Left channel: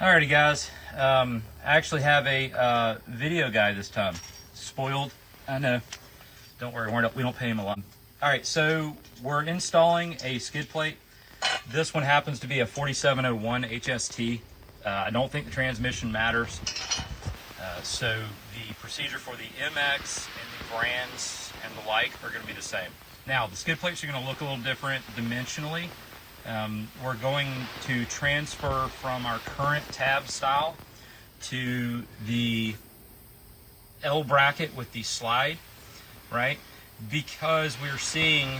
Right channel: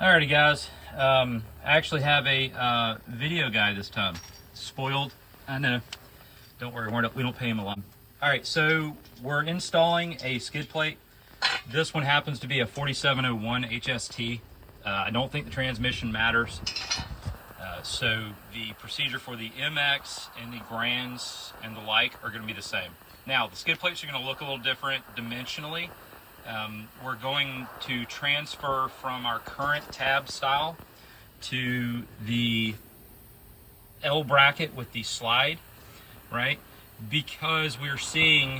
Alrighty guys, I actually have a video guy this time. Spoiled, I know. Don't worry, we don't pay him a lot. Alright, so we're installing a skid plate. This one happens to be a 4701 HST. I don't think the transmission matters. So the procedure for the MX and the Grands and the like are going to be the same. Now, the skid plates are going to look a little different dimensionally. We're going to transfer from our current tab style to the L bracket with the slide, right? Because we're seeing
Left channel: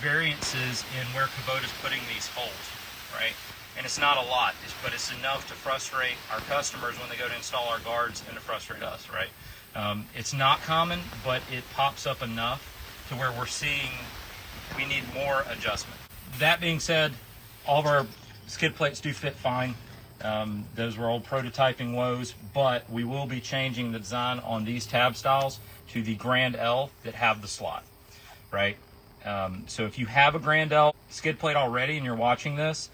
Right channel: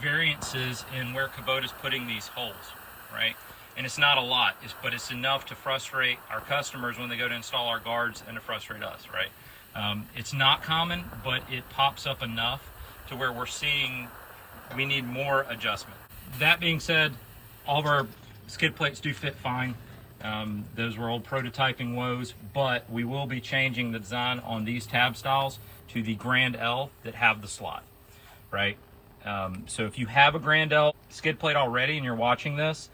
variances in where Kubota's putting these holes, right? And it's not a lot, but it's enough to frustrate our customers when they go to install our guards and to frustrate us, right? It's not common, but it pops up enough to where we're seeing we need more adjustment. That being said, all of our skid plates do fit fine. Those were old prototyping woes, but we will be changing the design on these tab styles to the Grand L that have the slot, right? So if you have a Grand L skid plate already and you're watching this,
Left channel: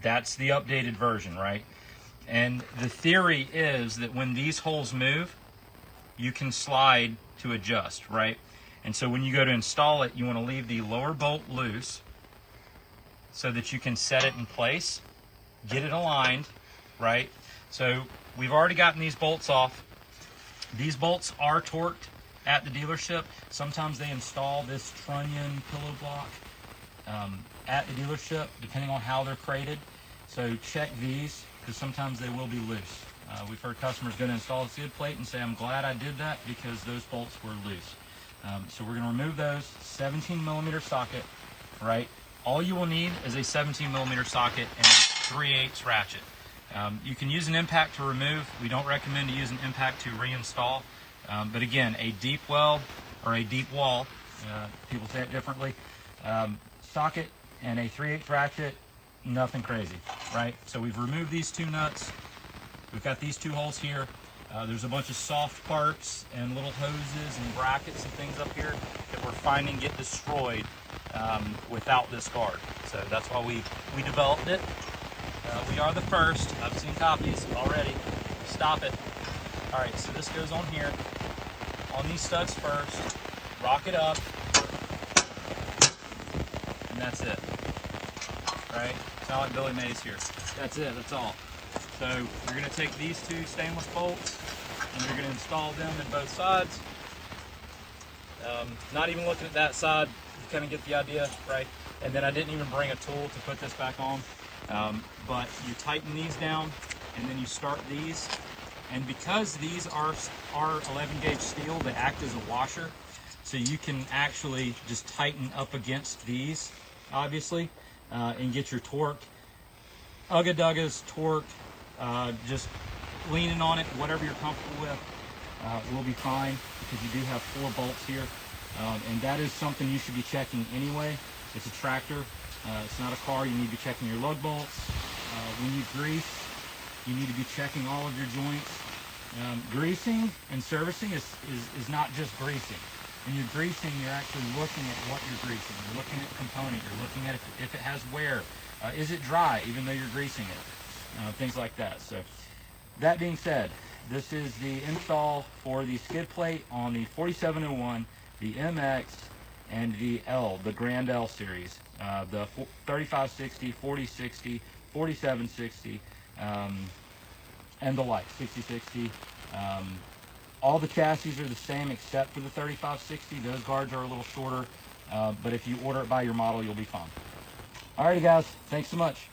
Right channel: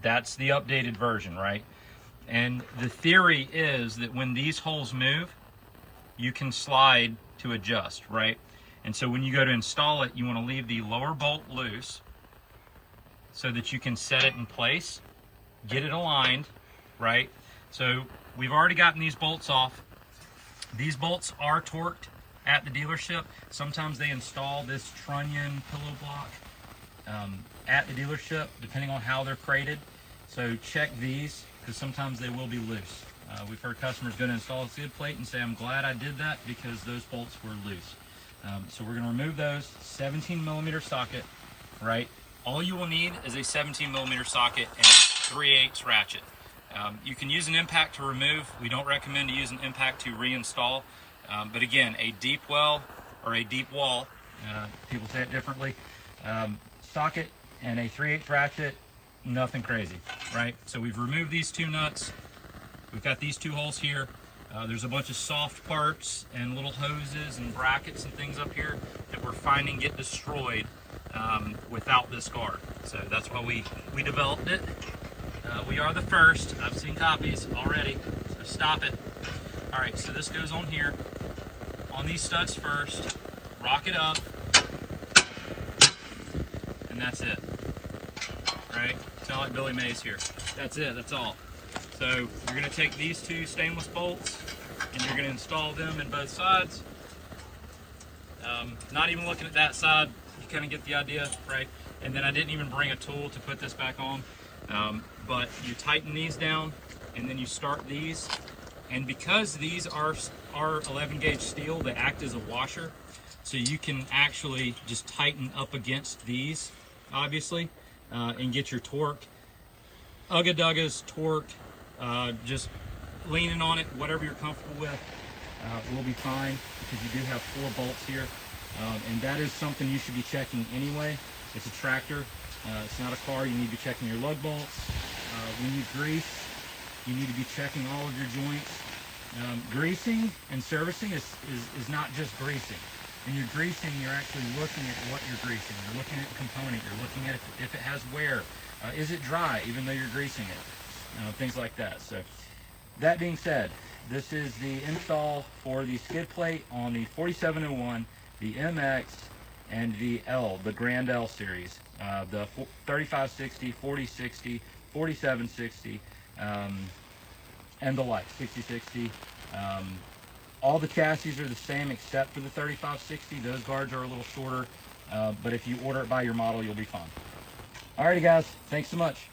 that's the updated version, right? And the theory is that when these holes move, you can slide to adjust, right? And so when you go to install it, you want to leave the lower bolt loose so that you can set it in place, get it aligned, right? So we've already gotten these bolts off. These bolts are torqued at the dealership. Sometimes they install this trunnion pillow block at the dealership, depending on how they're crated. So check these, because sometimes they will be loose. We've heard customers go to install a skid plate and say, I'm glad I did that because those bolts were loose. So we're going to remove those. 17 millimeter socket, right? All you will need is a 17 millimeter socket and a 3/8 ratchet. You can use an impact to remove. We don't recommend to use an impact to reinstall. But again, a deep well or a deep wall, people say it differently, socket and a 3/8 ratchet, nothing crazy, right? So we've removed these two nuts. We've got these two holes here. There's a bunch of soft parts and little hoses and brackets and things up here that we're finding get destroyed without this guard. So that's why we developed it. We are the first. I've seen copies already. Stop it. All right, so this goes on here. On these studs first, rock it up, and that's it. Right? Sound like Billy Mays here. That's it, that's all. So you're gonna take these two stainless bolts and you're gonna install them in both sides. Not even looking at that side, you kind of get the idea, right? And then I didn't even bring a tool to put this back on. But you tighten these down and then you start these. And because these are 11 gauge steel, they act as a washer. So you can actually just tighten up against these, obviously, and get your torque. Ugga Dugga's torque, just leaning on it, whatever you're comfortable with, will be fine because you do have 4 bolts here. And that is something you should be checking anyway. It's a tractor, it's not a car. You need to be checking your lug bolts. When you grease, you need to be checking all of your joints. Greasing and servicing is not just greasing. When you're greasing, you're actually looking at what you're greasing. You're looking at component. You're looking at if it has wear. Is it dry even though you're greasing it? Things like that. So that being said, this is the install for the skid plate on the 4701, the MX, and the L, the Grand L series. The 3560, 4060, 4760, and the like, 6060. All the chassis are the same except for the 3560. Those guards are a little shorter, but if you order it by your model, you'll be fine. Alrighty guys, thanks so much.